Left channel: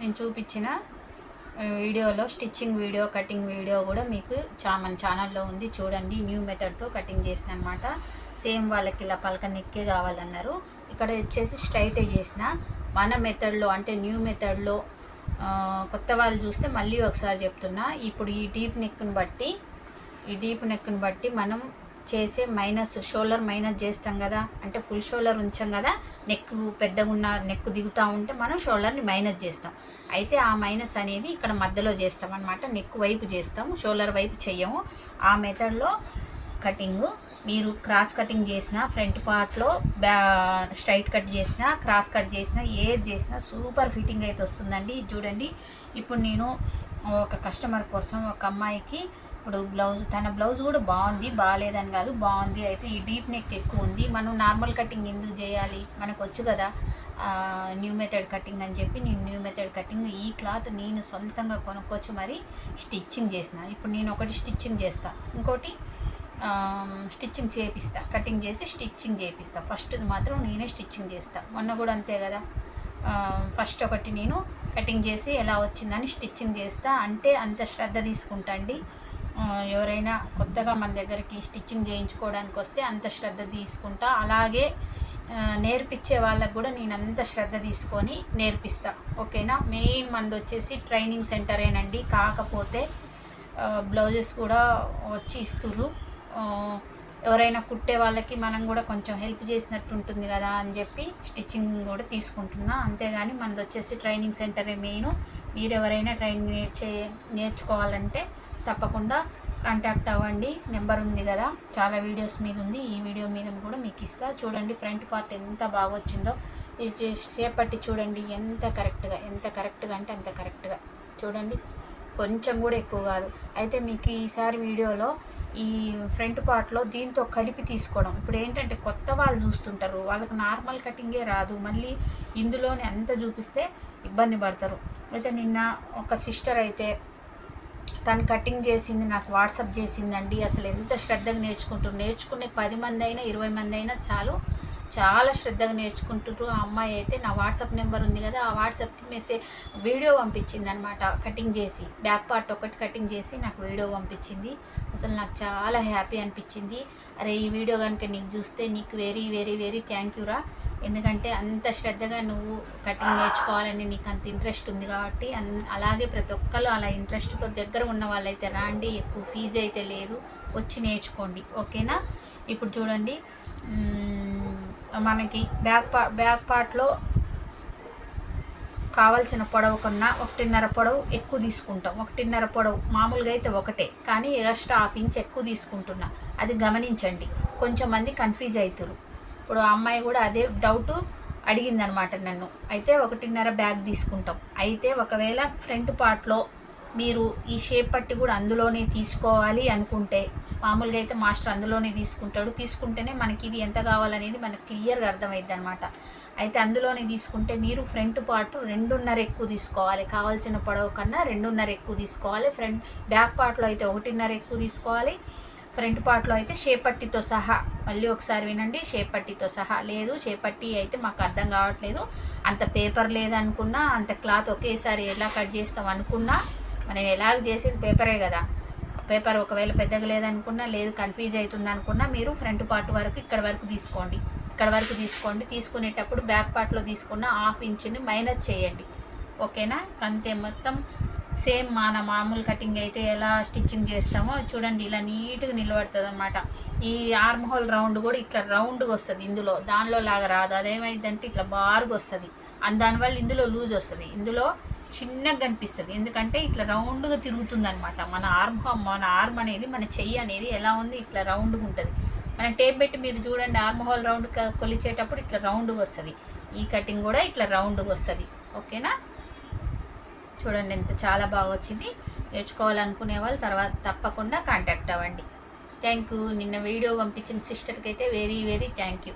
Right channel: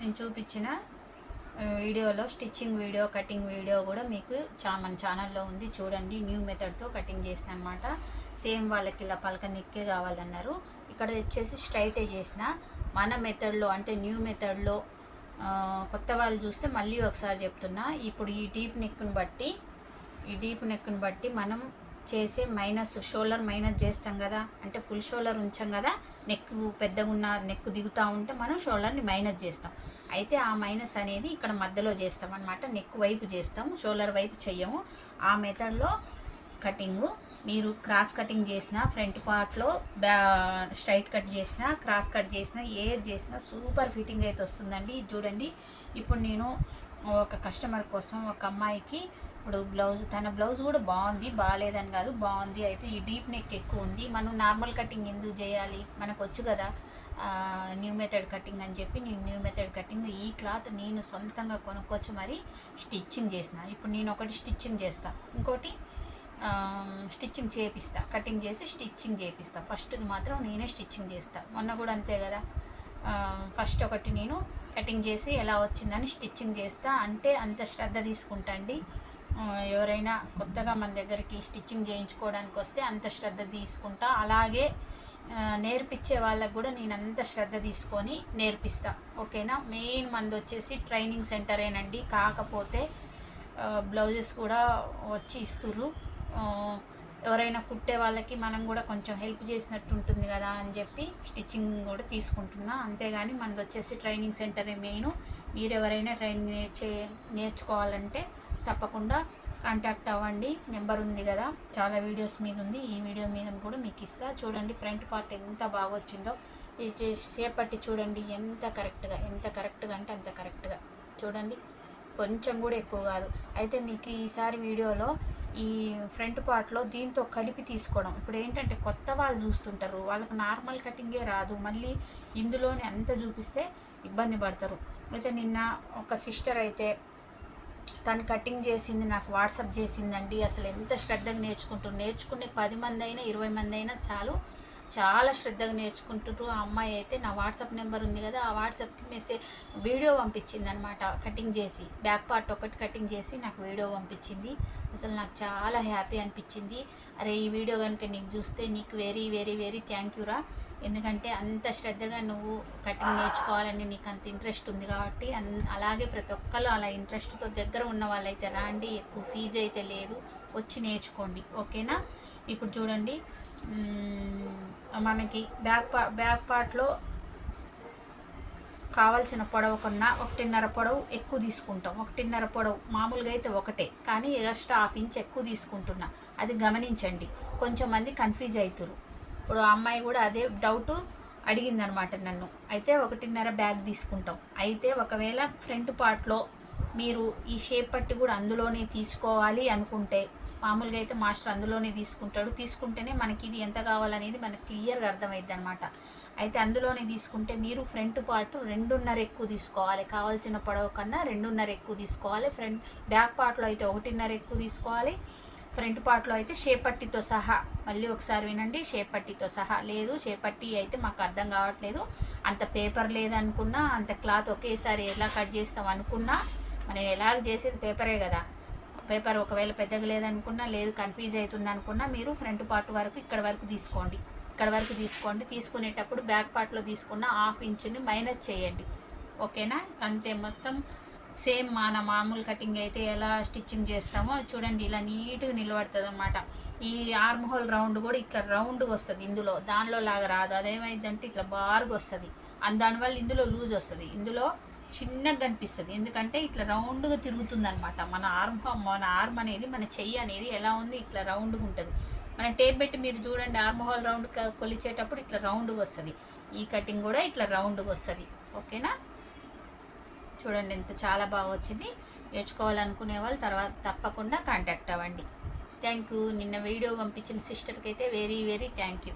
నేను చూపించిన వీడియోలో స్టిచ్చింగ్ వీడియో కటింగ్ వీడియో కూడా మీకు చా మన ఛానల్లో ఉంది. చూడండి న్యూ మెథడ్తో కటింగ్ చేసిన అనమాట సేమ్ వాళ్ళకి ఇలా పలక నెక్కే కావాలన్నారు. ఇక్కడ వచ్చేసి స్ట్రైటే చేసిన. మన మెథడ్లో అంటే న్యూ మెథడ్లో కొత్త వాళ్ళు చూస్తే మళ్ళీ ఒకసారి చెప్తున్నా. ఇప్పుడు ఈ డీప్ నెక్ను బట్టి ఈ డీప్ నెక్ను బట్టి మనం చేసే మైనస్ షోల్డర్ మైనస్ చేస్తాం కదా. అంటే ఫుల్ షోల్డర్ ఉంచాం కదా. నెక్ పెద్దగా ఉన్న నెక్ దిగుతూ ఉంటే మనం షోల్డర్ని మైనస్ చేస్తాం. అయితే ఆ మైనస్ అనేది ఇక్కడ మధ్యలో చేస్తాం అనమాట నెక్ వైపు చేస్తాం షోల్డర్ వైపు చెయ్యము. ఆ మెథడ్లో కటింగు మీరు క్రాస్ కటింగ్ చేసిన ఫ్రంట్ పార్ట్లో బ్యా స్ట్రైట్ కట్ చేసిన క్రాస్ కట్ చేసిన ఏది చేసినా సూపర్ ఫిట్టింగ్ అయితే వస్తుందండి. ఇది చూడండి. ఇప్పుడు నేను ఒక కస్టమర్ కోసం ఒక అమ్మాయికి ఇప్పుడు బ్లౌజ్ తన బ్లౌజ్ కూడా బాగుంది బాగాలేదని కాదు బాగుంది. అయితే ఈ డీప్ నెక్ ఎక్కువ ఉంది. మనం నార్మల్ కటింగ్ ఎందుకు చేయాలి? మనకు వచ్చు కదా న్యూ మెథడ్ కటింగ్ అని చెప్పి నేను న్యూ మెథడ్ కటింగ్ ఈ క్లాత్ నేను సొంతంగా కొనుక్కొచ్చి మరి స్టిచ్చింగ్ చేసిన. ఇప్పుడు నేను ఒకటి స్టిచ్చింగ్ చేస్తాను ఇంకోటి స్టిచ్చింగ్ చేపిస్తా. కటింగ్ చేసి స్టిచ్చింగ్ చేపిస్తా. ఫస్ట్ది మాత్రం నేనే స్టిచ్చింగ్ చేస్తా. మొన్న కూడా అంతే కదా. ఫస్ట్ ఒకటి నేను కటింగ్ చేసి ఎలా వచ్చిందని స్టిచ్చింగ్ చేస్తా. అంటే అంత శ్రద్ధ తీసుకుంటా అండి. ఎవరైనా కొత్తగా మన దగ్గరికి స్టిచ్చింగ్ చేయించుకోవడానికి వస్తే అంత శ్రద్ధ తీసుకుంటా. అలాగే నేర్పించే వాళ్ళకు కూడా నేను అంత శ్రద్ధ తీసుకొని నేర్పిస్తా. ఓకేనా? మెయిన్ మనది వచ్చేసి ట్రైనింగ్ సెంటరేనండి. కాకపోతే బ్లౌజెస్ కూడా వచ్చి ఇస్తుర్రు. ఎవరైనా కుట్టే వాళ్ళకి మనం కూడా కొంచెం హెల్ప్ చేసినట్టు ఉంటుంది కదా అని చెప్పి స్టిచ్చింగ్ కూడా తీసుకుంటున్నా. అంతేగాని మనది వచ్చేసి ట్రైనింగ్ సెంటరే మెయిన్. మీరు ఎవరైనా ట్రైనింగ్ నేర్చే నేర్చుకోవాలంటే తప్పకుండా కాంటాక్ట్ అవ్వండి. నెంబర్ ఉంది కదా. చాలా వీడియోస్ మీద ఉంది. ఈ వీడియో మీద కూడా మీకు ఇస్తా. చూడండి ఫ్రంట్ పార్ట్ ఎంత బాగా వచ్చిందో ఇది చేసి చూడండి ఎంత కరెక్ట్గా ఎంత కరెక్ట్గా అంటే అంత కరెక్ట్గా చూడండి. కొంచెం కూడా ఎక్కువ కాదు. అయితే మీకు ఈసారి వీడియోలో ఈ ఫ్రంట్ పార్ట్లో దీంతో కలిపి తీసుకోవడం. ఇప్పుడు ఏంటంటే కొత్త వాళ్ళు చూస్తుంటారు. వాళ్ళకి నార్మల్ కటింగే రాదు. మళ్ళీ ఇందులోనే అంత చూపిస్తే ఇబ్బంది పడతారు. అయితే నిన్న ఒక సిస్టర్ అయితే తను కటింగ్ చేసింది నాకు వాట్సాప్ చేసిందండి. అసలు ఎంత శ్రద్ధగా నేర్చుకుంటారు నేర్చుకునే పది మంది అయినా ఇరవై మంది అయినా చాలు. చాలా శ్రద్ధగా నేర్చుకుంటారు ఆ అమ్మాయి అయితే నా వాట్సాప్ నెంబర్ ఉంది కదా ఆ వాట్సాప్కి మెసేజ్ వీడియో పంపించింది అనమాట కటింగ్ చేసి బ్యాక్ పార్ట్ ఒకటి కటింగ్ చేసి నాకు వీడియో పంపించింది. అసలు నాకు చాలా హ్యాపీ అనిపించింది. అరే ఈ వీడియో కనుక నీకు చూస్తే నీకు very very very thank you రా. ఎందుకంటే అంత శ్రద్ధగా నువ్వు కటింగ్ నేర్చుకోవాలని నీకు అంత ఇంట్రెస్ట్ ఉంది కాబట్టి అన్ అలాగే ప్రతి ఒక్కరు అలా ఇంట్రెస్ట్తో దగ్గర ఉన్న వాళ్ళైతే రాండి ఎక్కువ ఫీజు అయితే లేదు వచ్చి నేర్చుకోండి. ఓకేనా? ఇప్పుడు చూడండి. మనకి బ్యాక్ పా బ్యాక్ పార్ట్లో కావాల్సిన పొడవు కన్నా ఒకటిన్నర పొడవు ఎక్కువ తీసుకుంటాం. ఒకటిన్నర పొడవు మామూలుగా అయితే ఒకటే. కానీ ఎక్స్ట్రా హాఫ్ ఇంచ్ ఎక్కువ తీసుకుంటున్నా. అది గమనించండి. కొంచెం మంది కన్ఫ్యూజ్ అవుతారు ఇప్పుడు ఆ అమ్మాయి కూడా అదే డౌట్ అడిగిందనమాట నన్ను. అయితే ఒకటిన్నర బ్యాగ్ తీసుకుంటాం. అయితే ఒకవేళ ఫ్రంట్ పార్ట్లో మీరు ఈ షేప్ పట్టి కూడా అందులోనే తీసుకోవాలి అనుకుంటే మామూలుగా అయితే మాస్టర్ అందులోనే తీసుకుంటాడు. తీసుకుంటేనే మనకి ఇది ఎంత కావాలనేది మనకి క్లియర్గా అర్థమైద్ది అనమాట అయితే అందులోనే తీసుకుంటే మీరు ఫ్రంట్ పార్ట్ రెండున్నర ఎక్కువ తీసుకోవాలి. కావాల్సిన పొడవు కన్నా రెండున్నర ఎక్కువ తీసుకోవాలి. ఫ్రంట్ బ్యాక్ పార్ట్లో అయితే ఒకటిన్నర ఎక్కువ తీసుకోవాలి. ఫ్రంట్ పార్ట్లో అయితే షేప్ పట్టితో సహా. మళ్ళీ ఒకసారి వినండి షేప్ పట్టితో సహా. లేదు షేప్ పట్టి అయితే మాకు అర్థం కావట్లేదు. అంత పేపర్ లేదనుకున్నా అంత క్లాత్ ఒకేసారి ఎలా కట్ చేస్తాం అనుకున్నా మనం ఎలాగ చేసేది పేపరే కదా. పేపర్ ఒకవేళ పెద్దగా లేదనుకున్నా లేదు కన్ఫ్యూజ్ అవుతుంది అనుకున్నా మీరు ఫ్రంట్ పార్ట్ వరకు ఇక్కడ వరకు తీసుకోండి. ఇక్కడ వరకు తీసుకోండి. తీసుకునేటప్పుడు బ్యాక్ పార్ట్లో తీసుకున్న హాఫ్ ఇంచుని మైనస్ చేయండి. ఓకేనా? అంతే మొత్తం. సేమ్ మన మామూలు కటింగ్ అయితే ఎలా స్టిచ్చింగ్ చేస్తామో చూడండి ఇలా నీట్గా నిలబడుతుంది అనమాట ఈ ఆర్మ్ హోల్ రౌండ్ కూడా ఇట్లా రౌండ్గా వస్తుంది ఇందులో. దానిలో లాగా రాదు. అదేమైందంటే ఇట్లా బారుగా వస్తుంది. అండ్ దానివల్ల ఇందులో లూజ్ వస్తుంది. ఇందులో చిన్నగా కనిపిస్తుంది. ఎందుకంటే ఇట్లా రౌండ్గా తిరుగుతుంది అనమాట మన ఆర్మ్ మన ఆర్మ్ అనేది మన చెయ్యి అనేది ఎలా ఉంది ఇట్లా రౌండ్గా ఉంటుంది. మన టేప్ పెట్టి మీరు చూడండి ఆర్మ్ హోల్ రౌండ్ కొలిచేటప్పుడు ఇట్లా రౌండ్గా వస్తుంది. ఈ కటింగ్ కూడా ఇట్లా రౌండ్గా వస్తుంది. ఓకేనా? చూడండి ఎంత చాలా బాగా వచ్చింది. నేర్చుకోవాలనుకునే వాళ్ళు తర్వాత తప్పకుండా కాంటాక్ట్ అవ్వండి. థ్యాంక్ యూ నిన్న వీడియో పంపించిన సిస్టర్కి అయితే వెరీ వెరీ థ్యాంక్ యూ